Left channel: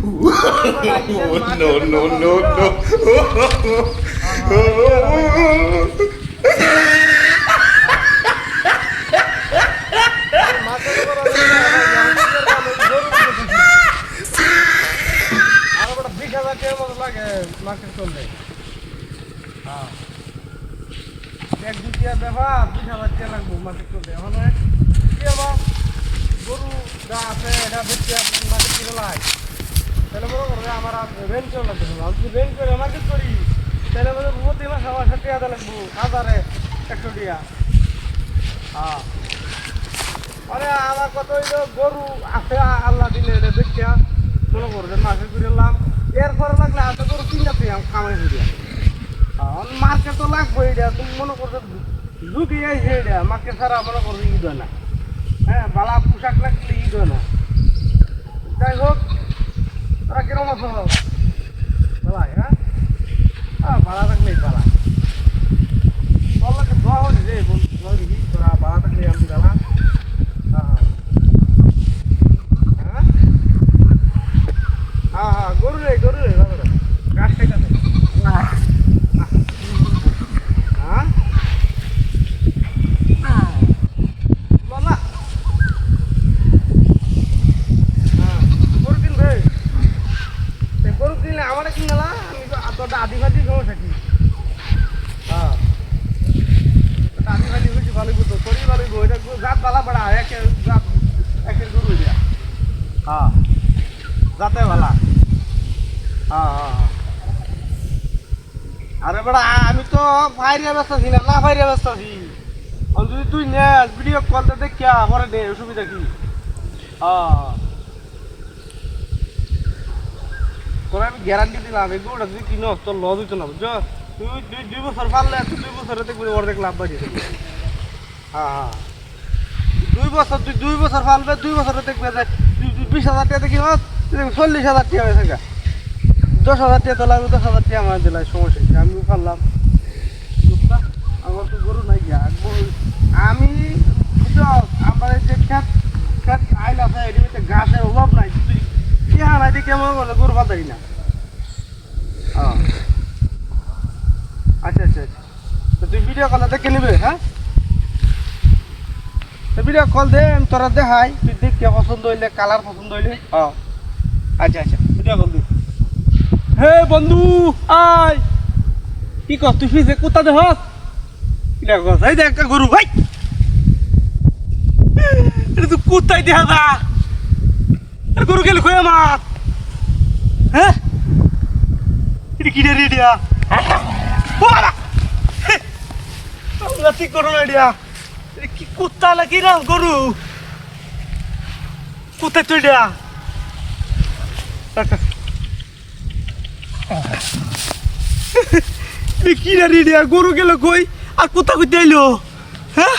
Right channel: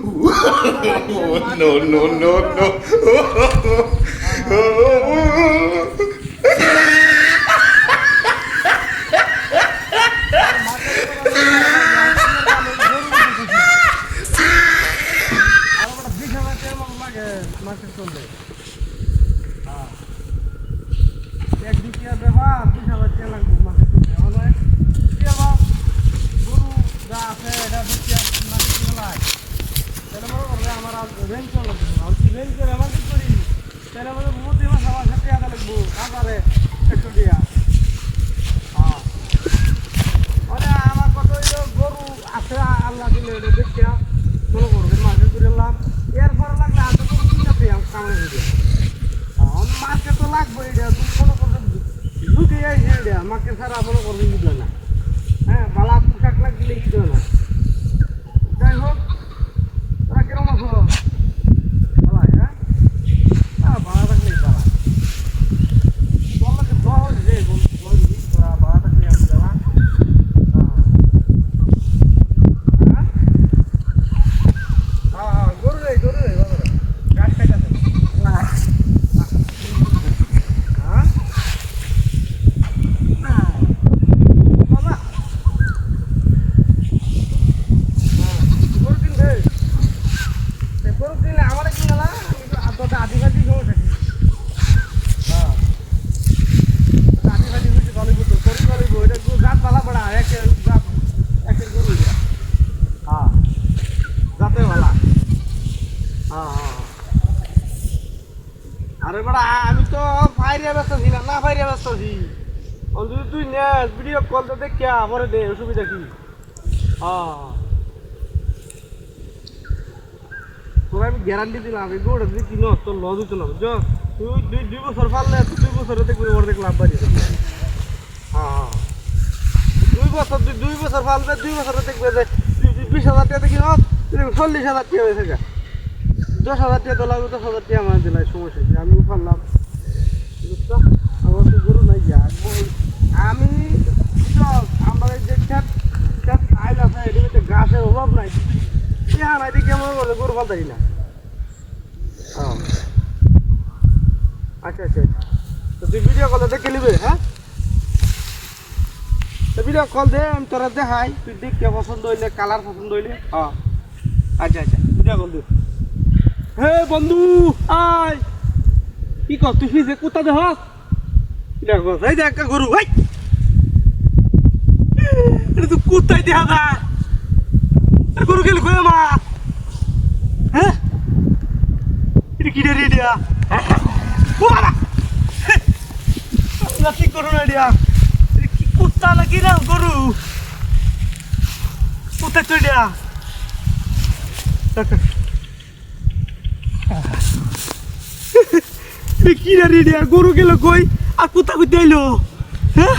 No, no, no, no. Market চলবে এক দুটিয়া ব্যাপার 20,000 টাকা লাগবে মার্কেট চলবে এখন কি আবার গরু যা আছে এটা বেশি মার্কেট করে লাই তাহলে মনে করবে আমার রেঞ্জ করে লাগবে আমি যদি রেঞ্জ করে মার্কেট করি তাহলে মনে প্রতি মাসে আমার 60 টাকা লাগবো 1,100 টাকা আরে আমার কত হইলো গরু আছে আল্লাহ দিলে এটা দেখিয়া মনে করবে মার্কেট করে এলাম এরপরে লাগলে হাতে গরু কিনতে কামাই হয়ে মার্কেট তো লাগবে এটা তুমি মনে করবে ঢুকে যাইছে এটা মার্কেট ছাড়া মনে করবে ঈদ হয় না হ্যাঁ বালা পোশাক না কিনলে ঈদ হয় না যাই হোক তোরা কিরম আছো ভালাই হ্যাঁ ভাড়া থাকলেই ভাড়া বললো দোয়া হচ্ছে যে তোরা ভাড়া থাকলে আমি ভাড়া গরু রে গাছ খাইতে বাবা গরু কিনবে গরু কিনলে আমার কিনলা আমি তো আদিবাসী সময় থাকি আদিবাসী হয়েছে ভালোই বলতো গরু ভালোই এটা জাত ভালা পড়া একের গরু যাতে ভালা আরে বড়া আমি তো ফাইরিয়া ব্যস্ত আছি না ফাইরিয়া ব্যস্ত আছি যদি তুই নেস ভিডিও কলতে দেখিয়া পরে দে অসুবিধা কি তোর আমি গ্যারান্টি দিলাম এগুলো যদি কিনো তোর লস হইতো না বুঝছো তুই 2 বছর পারলে তুই 2 বছরে দেখবি অর্ধেক লাভ বাড়ি 2 বছর পারলে 2 বছরে দেখবে যে 20,000 টাকা দেখি 40,000 টাকা হয়ে থাকে 10,000 টাকা তো লাগবে 10,000 টাকা আমার দিলাই সমস্যা নেই আমিও পারলাম আমার তো গরু নাই গিয়া আমি আমার যে খেত আইল আছে এটিতে গাছের অভাব নাই ইহা নাই কেমন করলে গরু পাতাই না আচ্ছা তো তুই ভিডিও কল দেখে নিবে হ্যাঁ তো ভিডিও কল দে তোরা দেখাই তুই দেখতে পছন্দ হইলে কালার পছন্দ হইলে আচ্ছা ভিডিও কল দিও হে বন্ধু আয় কি কর তুই ফিজে কুত্তা দেখ এই দেখ একটা গরু ভাই এটা তো কুত্তাই দেখা যা গরু গেলে কই আমার হ্যাঁ এটা কি রে রেডিয়া নাতি করো না রেডিয়া কি কুত্তা লাগি না গরু কুত্তা তুই দেয়া কি রে রেডিয়া গরু গেল কই আর কুত্তা কই দিলো হ্যাঁ